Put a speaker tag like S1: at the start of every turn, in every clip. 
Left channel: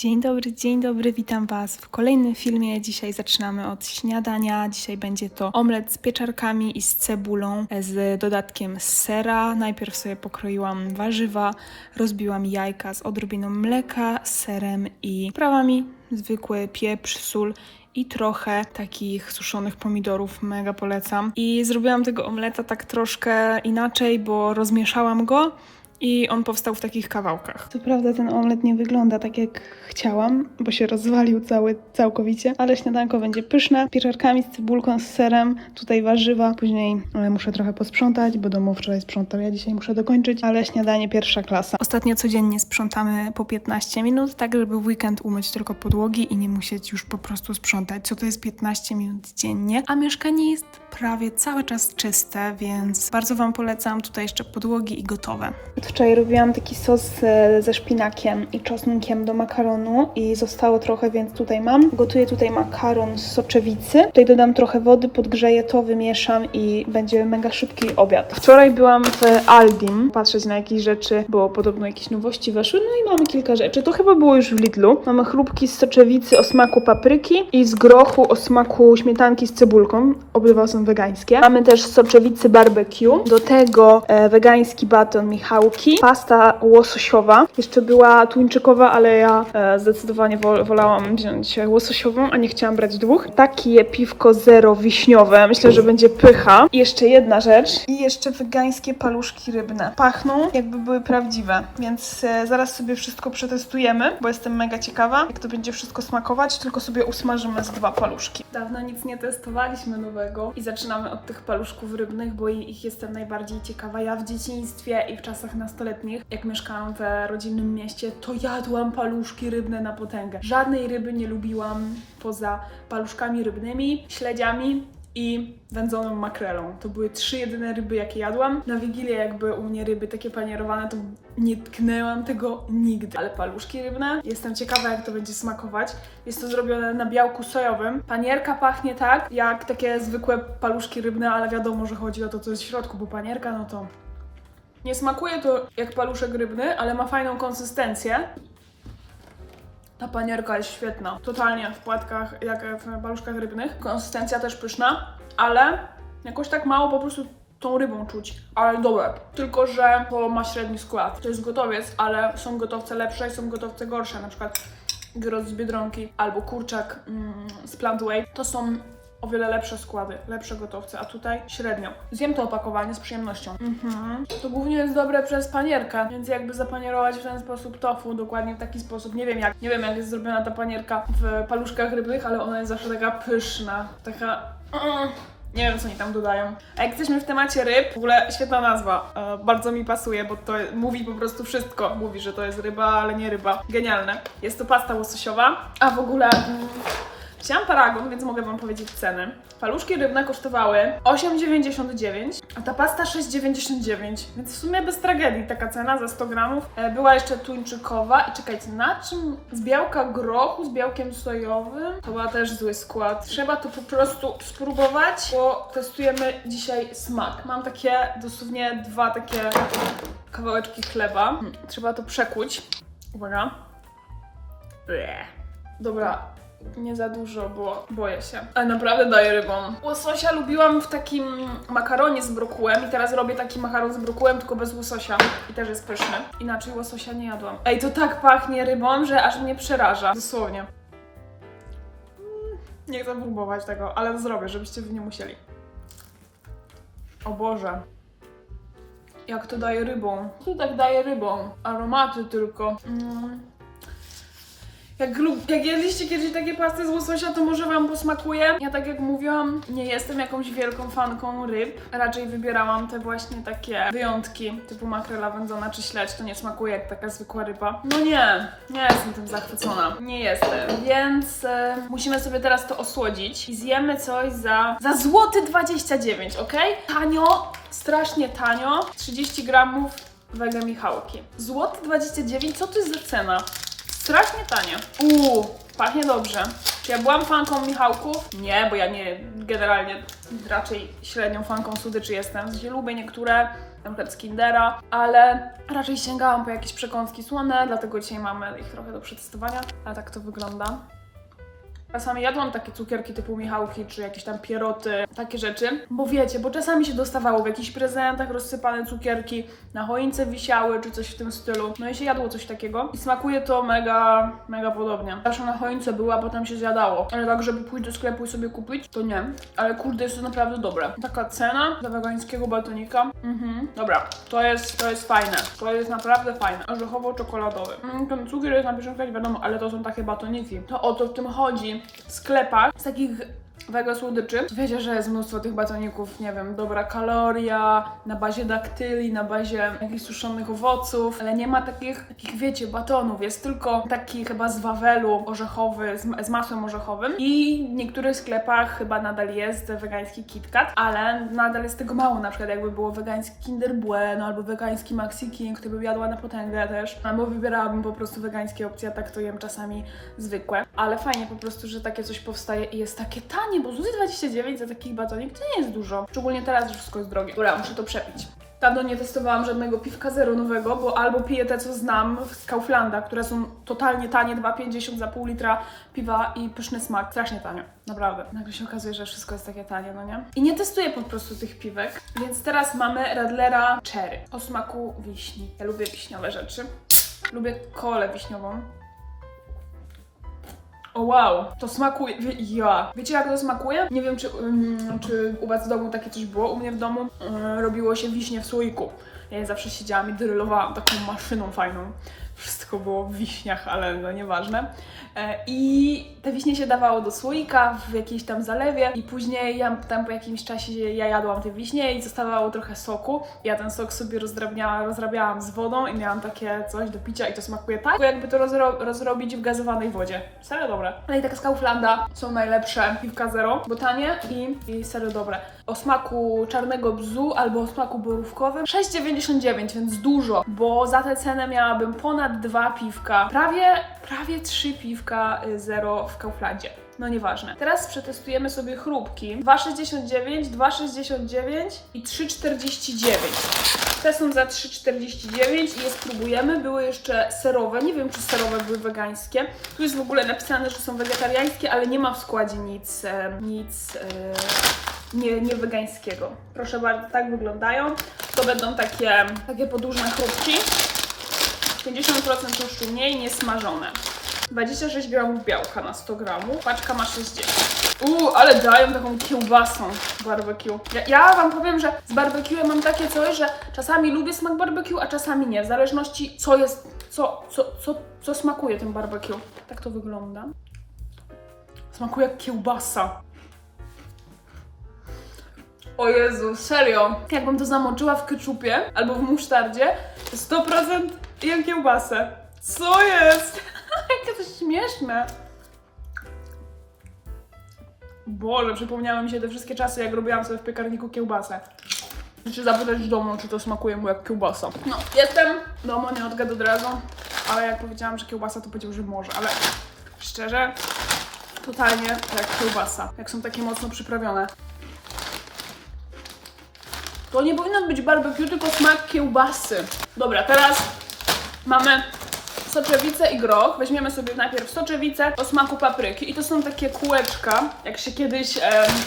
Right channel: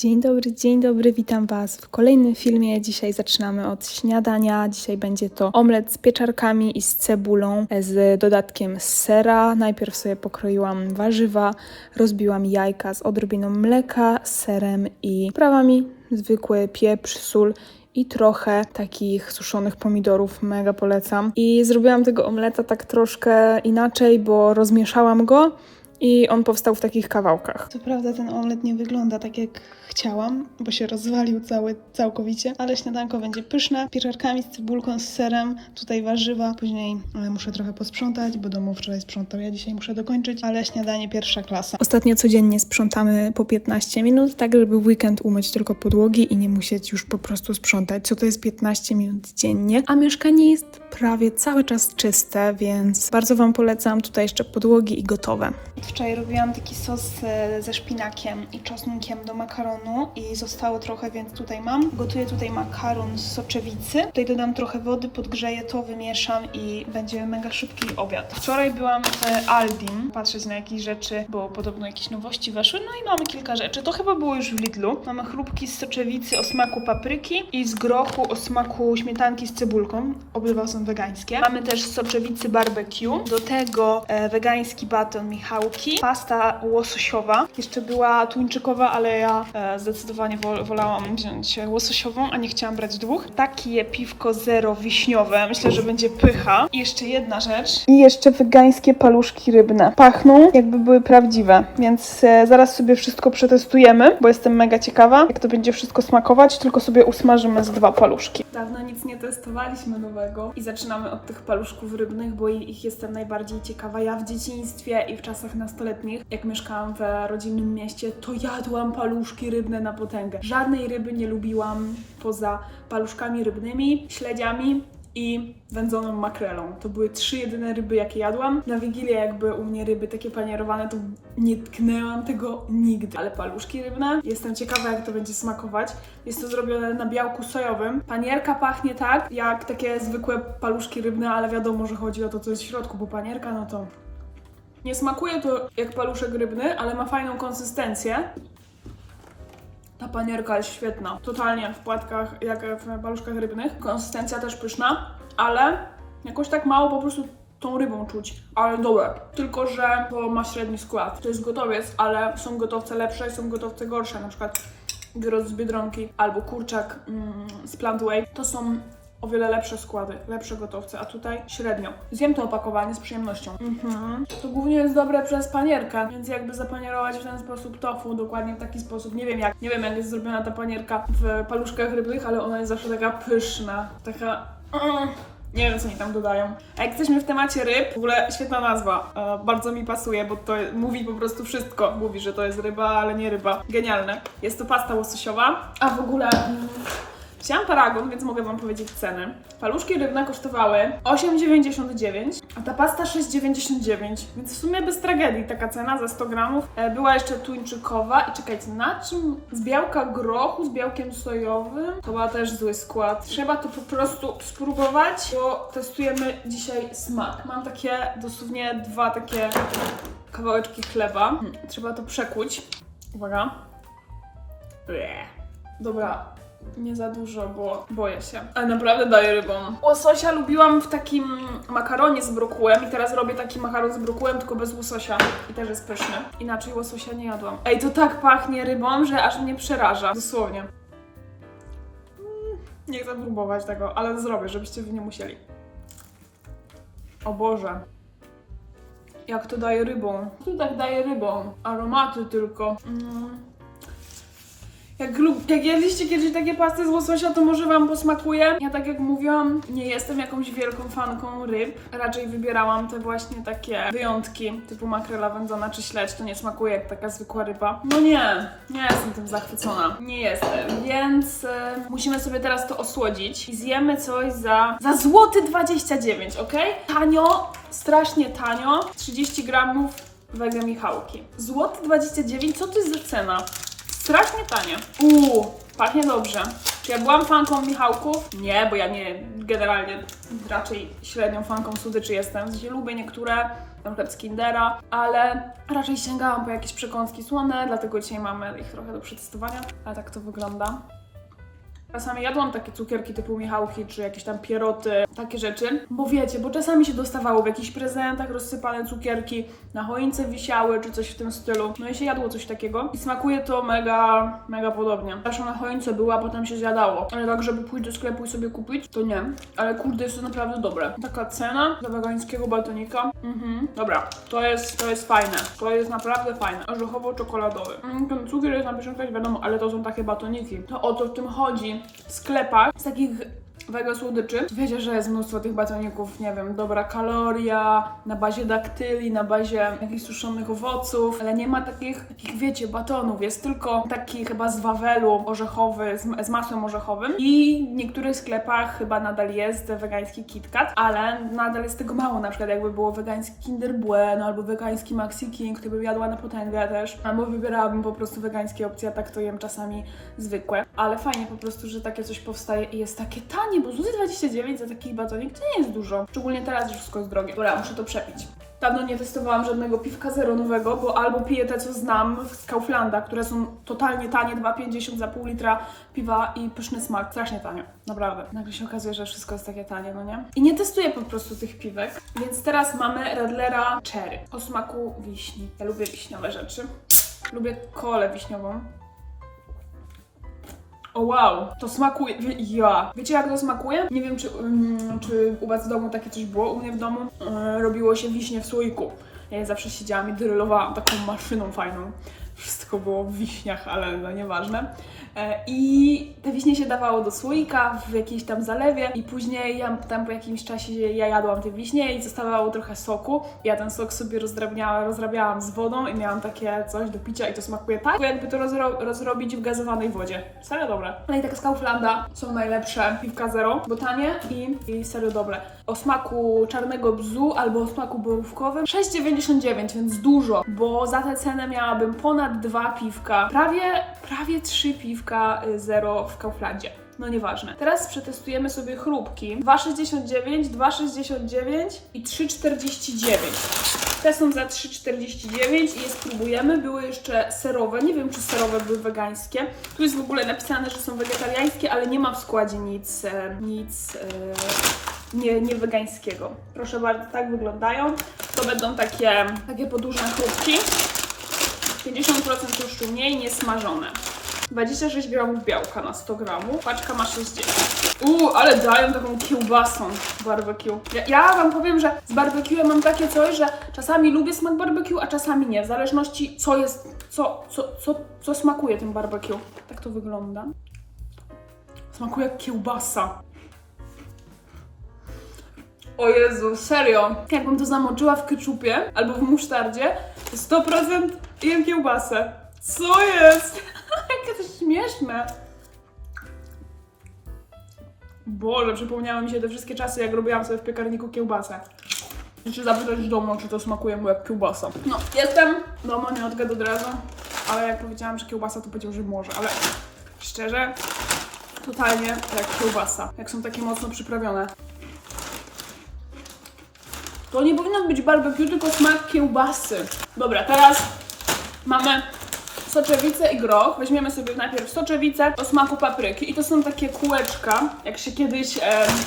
S1: Dzień dobry, dzień dobry, witam Was w kolejnym filmie. Dzisiaj zaczynamy od śniadania. Dzisiaj będzie to omlet z pieczarkami i z cebulą, z dodatkiem sera. Najpierw sobie pokroiłam warzywa, rozbiłam jajka z odrobiną mleka, serem i prawami, zwykły pieprz, sól i trochę takich suszonych pomidorów, mega polecam. I zrobiłam tego omleta tak troszkę inaczej, bo rozmieszałam go i on powstał w takich kawałkach. Co prawda ten omlet nie wygląda tak jak chciałam, bo się rozwalił cały całkowicie, ale śniadanko będzie pyszne, pieczarkami z cebulką, z serem, tutaj warzywa. Później e, muszę trochę posprzątać, bo domu wczoraj sprzątał, ja dzisiaj muszę dokończyć, ale śniadanie pierwsza klasa. Ostatnio codziennie sprzątamy po 15 minut, tak żeby w weekend umyć tylko podłogi i nie musieć już po prostu sprzątać. Co to jest 15 minut dziennie, a mieszkanie jest prawie cały czas czyste, więc bardzo Wam polecam tutaj jeszcze podłogi i gotowe. Wczoraj robiłam taki sos e, ze szpinakiem i czosnkiem do makaronu i zostało trochę, więc tutaj mam. Gotuję tutaj makaron z soczewicy. Tutaj dodam trochę wody, podgrzeję to, wymieszam i będzie mega szybki obiad. Wczoraj byłam w Aldim patrzeć na jakieś rzeczy, bo podobno jakieś nowości weszły, no i mamy kilka rzeczy. To chyba było już w Lidlu. Mamy chrupki z soczewicy o smaku papryki i z grochu o smaku śmietanki z cebulką. Obydwa są wegańskie. Mamy też soczewicy barbecue. Do tego e, wegański baton Pasta łososiowa. Jeszcze była tuńczykowa, ale ja e, zdecydowanie wol, wolałam wziąć łososiową, a nie chciałam brać dwóch. Takie piwko zero wiśniowe. Myślę, że będzie pycha. I jeszcze jedna rzecz. I jeszcze wegańskie paluszki rybne. Pachną jakby były prawdziwe, więc e, zaraz sobie wszystko przetestujemy, bo jestem mega ciekawa, jak to będzie wszystko smakować, tylko sobie usmażymy z dwa paluszki. Dawno nic nie testowaliśmy nowego i zaczynamy od tych paluszków rybnych, bo ich jestem najbardziej ciekawa. Ja w dzieciństwie i w czasach nastoletnich, jak mieszkałam w rodzinnym mieście, to jadłam paluszki rybne na potęgę. Żadnej ryby nie lubiłam poza paluszkami rybnymi, śledziami i wędzoną makrelą. To były trzy jedyne ryby, jakie jadłam. Na Wigilię jakby u mnie ryby takie panierowane, to nie tknęłam tego nigdy. Ale paluszki rybne, jestem ciekawa jak to będzie smakować. Jest to zrobione na białku sojowym. Panierka pachnie tak, jak takie zwykłe paluszki rybne, ale wiadomo, że chodzi o to, co jest w środku, bo panierka, no to... Nie smakuje to jak paluszek rybny, ale ma fajną konsystencję. Ta panierka jest świetna. Totalnie w płatkach, jak w paluszkach rybnych. Konsystencja też pyszna, ale jakoś tak mało po prostu tą rybą czuć. Ale dobre. Tylko, że to ma średni skład. To jest gotowiec, ale są gotowce lepsze i są gotowce gorsze. Na przykład gyros z Biedronki albo kurczak mm, z Plantway. To są o wiele lepsze składy, lepsze gotowce, a tutaj średnio. Zjem to opakowanie z przyjemnością. Mhm. To głównie jest dobre przez panierkę, więc jakby zapanierować w ten sposób tofu, dokładnie w taki sposób. Nie wiem jak, nie wiem jak jest zrobiona ta panierka w paluszkach rybnych, ale ona jest zawsze taka pyszna, taka... Mm. Nie wiem, co oni tam dodają. A jak jesteśmy w temacie ryb, w ogóle świetna nazwa. E, bardzo mi pasuje, bo to mówi po prostu wszystko. Mówi, że to jest ryba, ale nie ryba. Genialne. Jest to pasta łososiowa, a w ogóle... Mm, Wzięłam paragon, więc mogę Wam powiedzieć ceny. Paluszki rybne kosztowały 8,99, a ta pasta 6,99, więc w sumie bez tragedii taka cena za 100 gramów. E, Była jeszcze tuńczykowa i czekajcie, na czym? Z białka grochu, z białkiem sojowym. To była też zły skład. Trzeba to po prostu spróbować, bo testujemy dzisiaj smak. Mam takie dosłownie dwa takie kawałeczki chleba. Hmm, Trzeba to przekuć. Uwaga. Bleh. Dobra, nie za dużo, bo boję się. Ale naprawdę daję rybą. Łososia lubiłam w takim makaronie z brokułem i teraz robię taki makaron z brokułem, tylko bez łososia. I też jest pyszny. Inaczej łososia nie jadłam. Ej, to tak pachnie rybą, że aż mnie przeraża. Dosłownie. Mm, Nie chcę próbować tego, ale zrobię, żebyście wy nie musieli. O Boże. Jak to daje rybą? To tak daje rybą. Aromaty tylko. Mm. Jak, lub, jak jedliście kiedyś takie pasty z łososia, to może Wam posmakuje. Ja tak jak mówiłam, nie jestem jakąś wielką fanką ryb. Raczej wybierałam te właśnie takie wyjątki, typu makrela wędzona czy śledź. To nie smakuje jak taka zwykła ryba. No nie, nie jestem tym zachwycona. Nie jestem. Więc e, musimy sobie teraz to osłodzić i zjemy coś za, za złoty 29, ok? Tanio, strasznie tanio. 30 gramów wege Michałki. Złoty 29, co to jest za cena? Strasznie tanie. Uuu, Pachnie dobrze. Czy ja byłam fanką Michałków? Nie, bo ja nie, generalnie raczej średnią fanką słodyczy jestem. W sensie lubię niektóre, na przykład z Kindera, ale raczej sięgałam po jakieś przekąski słone, dlatego dzisiaj mamy ich trochę do przetestowania. A tak to wygląda. Czasami jadłam takie cukierki typu Michałki, czy jakieś tam pieroty, takie rzeczy. Bo wiecie, bo czasami się dostawało w jakichś prezentach rozsypane cukierki, na choince wisiały, czy coś w tym stylu. No i się jadło coś takiego. I smakuje to mega, mega podobnie. Zawsze na choince była, a potem się zjadało. Ale tak, żeby pójść do sklepu i sobie kupić, to nie. Ale kurde, jest to naprawdę dobre. Taka cena za wegańskiego batonika. Mhm. Dobra, to jest, to jest fajne. To jest naprawdę fajne. Orzechowo-czekoladowy. Mm, ten cukier jest na pierwszym wiadomo, ale to są takie batoniki. To o to w tym chodzi. Sklepach z takich wege słodyczy. Wiecie, że jest mnóstwo tych batoników, nie wiem, dobra kaloria, na bazie daktyli, na bazie jakichś suszonych owoców, ale nie ma takich, takich wiecie, batonów. Jest tylko taki chyba z wawelu orzechowy, z, z masłem orzechowym i w niektórych sklepach chyba nadal jest wegański KitKat, ale nadal jest tego mało, na przykład jakby było wegański Kinder Bueno albo wegański Maxi King, to bym jadła na potęgę też, albo wybierałabym po prostu wegańskie opcje, a tak to jem czasami zwykłe, ale fajnie po prostu, że takie coś powstaje i jest takie tanie, bo złoty 29 za taki batonik to nie jest dużo, szczególnie teraz, że wszystko jest drogie. Dobra, muszę to przepić. Dawno nie testowałam żadnego piwka zero nowego, bo albo piję te, co znam z Kauflanda, które są totalnie tanie, 2,50 za pół litra piwa i pyszny smak. Strasznie tanie, naprawdę. Nagle się okazuje, że wszystko jest takie tanie, no nie? I nie testuję po prostu tych piwek, więc teraz mamy Radlera Cherry o smaku wiśni. Ja lubię wiśniowe rzeczy. Lubię kolę wiśniową. O wow, to smakuje. Wie, ja. Wiecie jak to smakuje? Nie wiem, czy, mm, czy u Was w domu takie coś było. U mnie w domu e, robiło się wiśnie w słoiku. Ja zawsze siedziałam i drylowałam taką maszyną fajną. Wszystko było w wiśniach, ale no nieważne. E, I te wiśnie się dawało do słoika w jakiejś tam zalewie i później ja tam po jakimś czasie ja jadłam te wiśnie i zostawało trochę soku. Ja ten sok sobie rozdrabniała, rozrabiałam z wodą i miałam takie coś do picia i to smakuje tak, jakby to rozro rozrobić w gazowanej wodzie. Serio dobre. Ale i tak z Kauflanda są najlepsze piwka zero, bo tanie i, i serio dobre. O smaku czarnego bzu albo o smaku borówkowym 6,99, więc dużo, bo za tę cenę miałabym ponad dwa piwka, prawie, prawie trzy piwka y, zero w Kauflandzie. No nieważne. Teraz przetestujemy sobie chrupki. 2,69, 2,69 i 3,49. Te są za 3,49 i je spróbujemy. Były jeszcze serowe. Nie wiem, czy serowe były wegańskie. Tu jest w ogóle napisane, że są wegetariańskie, ale nie ma w składzie nic, nic e, nie, nie wegańskiego. Proszę bardzo, tak wyglądają. To będą takie, takie podłużne chrupki. 50% tłuszczu mniej, niesmażone. 26 gramów białka na 100 gramów, paczka ma 60. Uuu, ale dają taką kiełbasą barbecue. Ja, ja wam powiem, że z barbecue mam takie coś, że czasami lubię smak barbecue, a czasami nie, w zależności co jest, co, co, co, co smakuje tym barbecue. Tak to wygląda. Smakuje jak kiełbasa. O Jezu, serio. Jakbym to zamoczyła w keczupie albo w musztardzie, to 100% jem kiełbasę. Co jest? Jakie to śmieszne. Boże, przypomniały mi się te wszystkie czasy, jak robiłam sobie w piekarniku kiełbasę. Czy zapytać domu, czy to smakuje mu jak kiełbasa. No, jestem. Domo nie odgadł od razu, ale jak powiedziałam, że kiełbasa, to powiedział, że może, ale szczerze, totalnie jak kiełbasa. Jak są takie mocno przyprawione. To nie powinno być barbecue, tylko smak kiełbasy. Dobra, teraz mamy soczewicę i groch. Weźmiemy sobie najpierw soczewicę o smaku papryki. I to są takie kółeczka, jak się kiedyś em,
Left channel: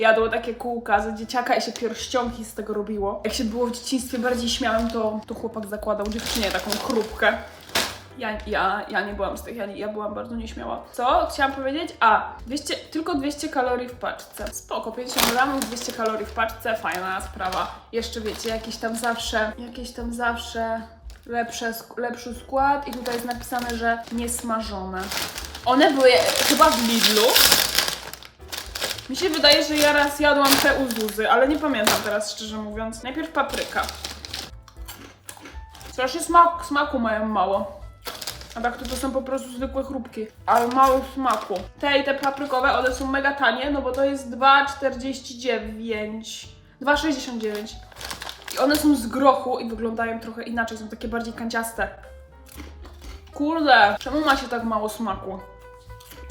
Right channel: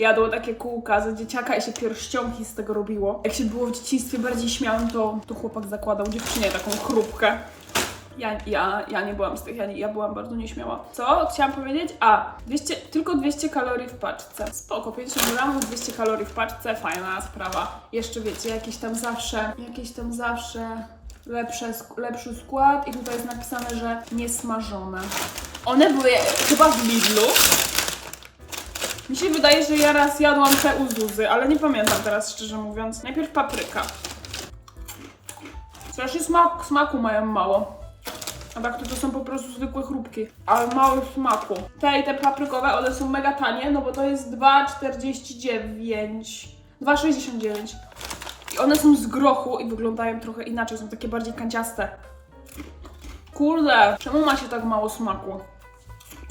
S1: jadło takie kółka za dzieciaka i się pierścionki z tego robiło. Jak się było w dzieciństwie bardziej śmiałym, to, to chłopak zakładał dziewczynie taką chrupkę. Ja, ja, ja nie byłam z tych, ja, ja byłam bardzo nieśmiała. Co chciałam powiedzieć? A, 200, tylko 200 kalorii w paczce. Spoko, 50 gramów, 200 kalorii w paczce, fajna sprawa. Jeszcze wiecie, jakieś tam zawsze, jakieś tam zawsze lepsze, lepszy skład i tutaj jest napisane, że niesmażone. One były e, chyba w Lidlu. Mi się wydaje, że ja raz jadłam te uzuzy, ale nie pamiętam teraz szczerze mówiąc. Najpierw papryka. Strasznie smak, smaku mają mało. A tak to, to są po prostu zwykłe chrupki, ale mało smaku. Te i te paprykowe, one są mega tanie, no bo to jest 2,49. 2,69. I one są z grochu i wyglądają trochę inaczej, są takie bardziej kanciaste. Kurde, czemu ma się tak mało smaku?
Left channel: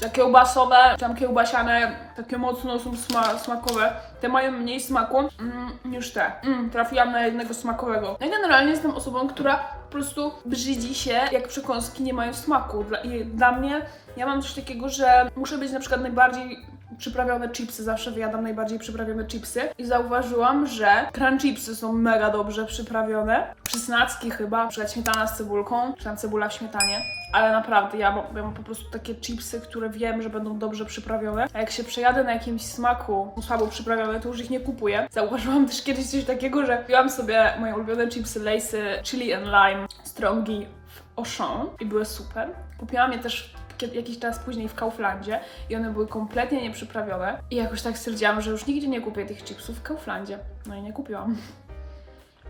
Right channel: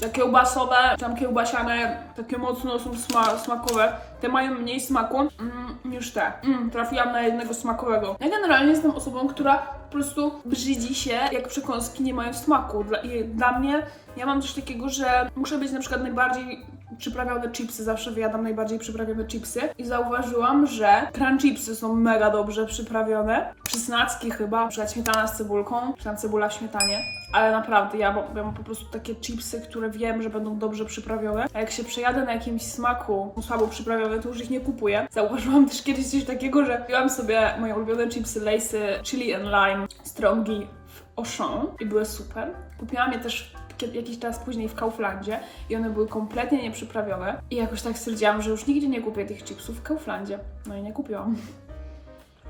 S1: Te kiełbasowe, tam kiełbasiane, takie mocno są sma smakowe. Te mają mniej smaku mm, niż te. Mm, trafiłam na jednego smakowego. Ja generalnie jestem osobą, która po prostu brzydzi się, jak przekąski nie mają smaku. Dla, dla mnie, ja mam coś takiego, że muszę być na przykład najbardziej przyprawione chipsy, zawsze wyjadam najbardziej przyprawione chipsy i zauważyłam, że crunch chipsy są mega dobrze przyprawione. Przysnacki chyba, na śmietana z cebulką, czy tam cebula w śmietanie, ale naprawdę ja ja mam po prostu takie chipsy, które wiem, że będą dobrze przyprawione, a jak się przejadę na jakimś smaku słabo przyprawione, to już ich nie kupuję. Zauważyłam też kiedyś coś takiego, że piłam sobie moje ulubione chipsy Lay'sy Chili and Lime Strongi w Auchan i były super. Kupiłam je też jakiś czas później w Kauflandzie i one były kompletnie nieprzyprawione i jakoś tak stwierdziłam, że już nigdzie nie kupię tych chipsów w Kauflandzie. No i nie kupiłam.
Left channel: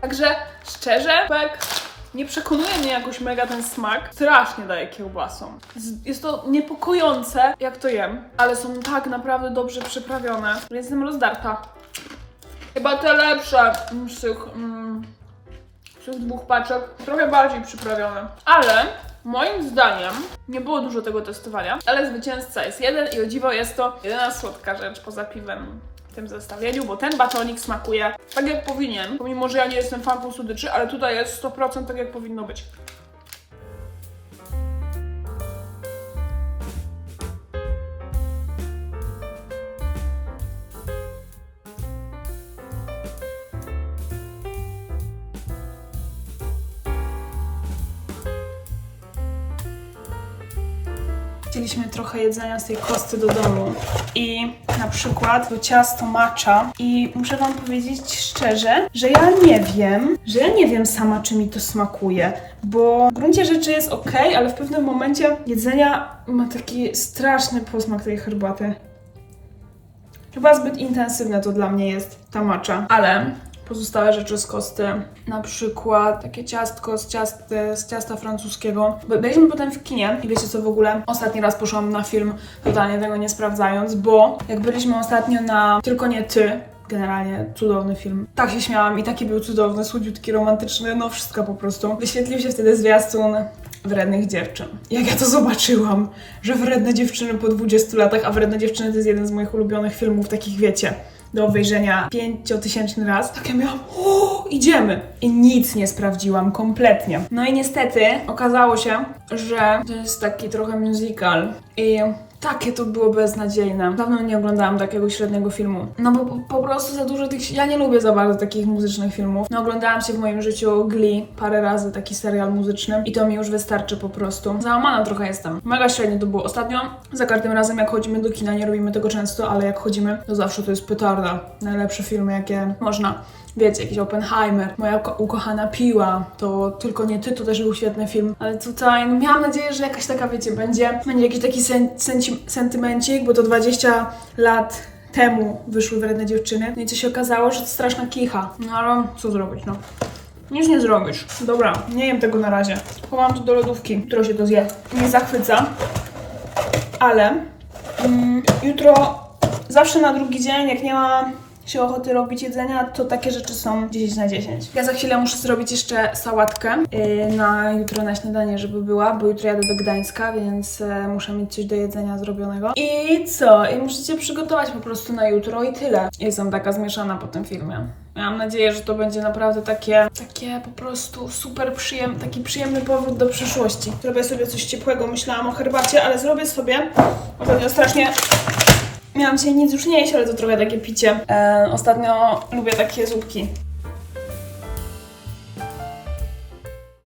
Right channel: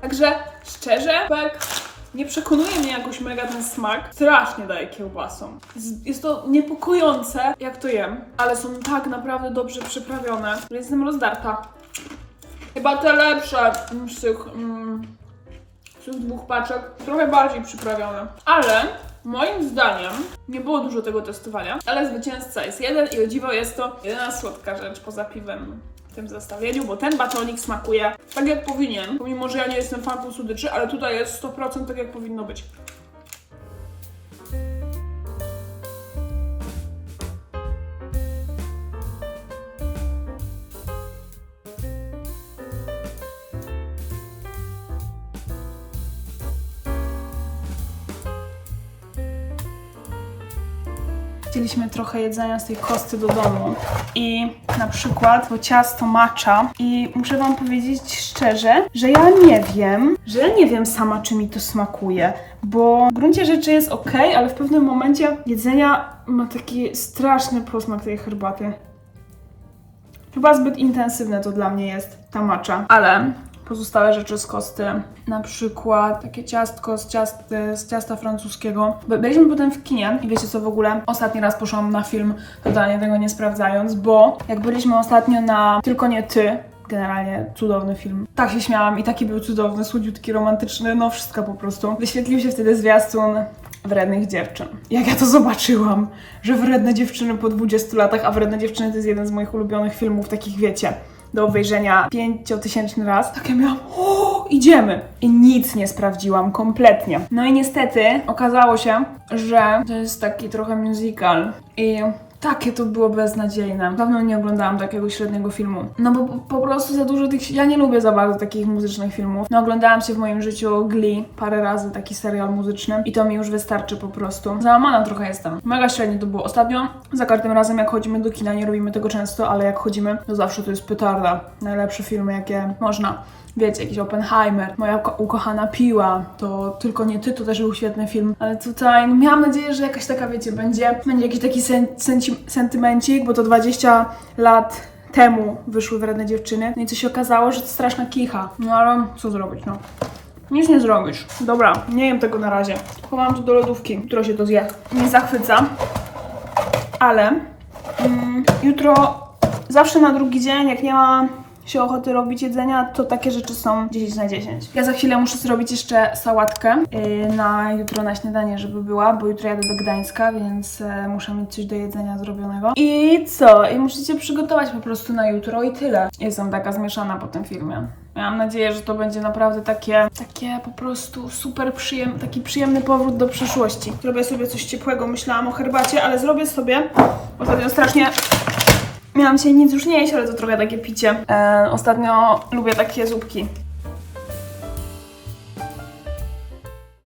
S1: Także szczerze, tak nie przekonuje mnie jakoś mega ten smak. Strasznie daje kiełbasom. Jest to niepokojące, jak to jem, ale są tak naprawdę dobrze przyprawione, jestem rozdarta. Chyba te lepsze z tych, mm, z tych dwóch paczek, trochę bardziej przyprawione. Ale moim zdaniem nie było dużo tego testowania, ale zwycięzca jest jeden i o dziwo jest to jedyna słodka rzecz poza piwem w tym zestawieniu, bo ten batonik smakuje tak jak powinien, pomimo że ja nie jestem fanką słodyczy, ale tutaj jest 100% tak jak powinno być. Chcieliśmy trochę jedzenia z tej kosty do domu. I na przykład to ciasto matcha i muszę wam powiedzieć szczerze, że ja nie wiem, że ja nie wiem sama czy mi to smakuje, bo w gruncie rzeczy jest ok, ale w pewnym momencie jedzenia ma taki straszny posmak tej herbaty. Chyba zbyt intensywne to dla mnie jest ta macza, ale pozostałe rzeczy z kosty, na przykład takie ciastko z, z ciasta francuskiego. By- Byliśmy potem w kinie i wiecie co w ogóle? Ostatni raz poszłam na film, totalnie tego nie sprawdzając, bo jak byliśmy ostatnio na Tylko nie ty, Generalnie cudowny film. Tak się śmiałam i taki był cudowny, słodziutki, romantyczny, no wszystko po prostu. Wyświetlił się wtedy zwiastun wrednych dziewczyn. Jak ja to zobaczyłam, że wredne dziewczyny po 20 latach, a wredne dziewczyny to jest jeden z moich ulubionych filmów, takich wiecie, do obejrzenia pięciotysięczny raz, tak ja miałam, o, idziemy! I nic nie sprawdziłam, kompletnie. No i niestety okazało się, że to jest taki trochę musical i takie to było beznadziejne. Dawno nie oglądałam takiego średniego filmu. No bo po, po prostu za dużo tych... Ja nie lubię za bardzo takich muzycznych filmów. No oglądałam się w moim życiu Glee parę razy, taki serial muzyczny i to mi już wystarczy po prostu. Załamana trochę jestem. Mega średnio to było. Ostatnio, za każdym razem jak chodzimy do kina, nie robimy tego często, ale jak chodzimy, to zawsze to jest petarda. Najlepsze filmy, jakie można. Wiecie, jakiś Oppenheimer, moja ko- ukochana piła, to tylko nie ty, to też był świetny film, ale tutaj no, miałam nadzieję, że jakaś taka, wiecie, będzie, będzie jakiś taki sen, senci, sentymencik, bo to 20 lat temu wyszły wredne dziewczyny, no i co się okazało, że to straszna kicha, no ale co zrobić, no. Nic nie zrobisz. Dobra, nie jem tego na razie. Chowam to do lodówki, jutro się to zje. Nie zachwyca, ale mm, jutro zawsze na drugi dzień, jak nie ma się ochoty robić jedzenia, to takie rzeczy są 10 na 10. Ja za chwilę muszę zrobić jeszcze sałatkę yy, na jutro na śniadanie, żeby była, bo jutro jadę do Gdańska, więc e, muszę mieć coś do jedzenia zrobionego. I co? I musicie przygotować po prostu na jutro i tyle. Jestem taka zmieszana po tym filmie. Miałam nadzieję, że to będzie naprawdę takie, takie po prostu super przyjem, taki przyjemny powrót do przeszłości. Zrobię sobie coś ciepłego, myślałam o herbacie, ale zrobię sobie, ostatnio strasznie Miałam się nic już nie jeść, ale to trochę takie picie. E, ostatnio lubię takie zupki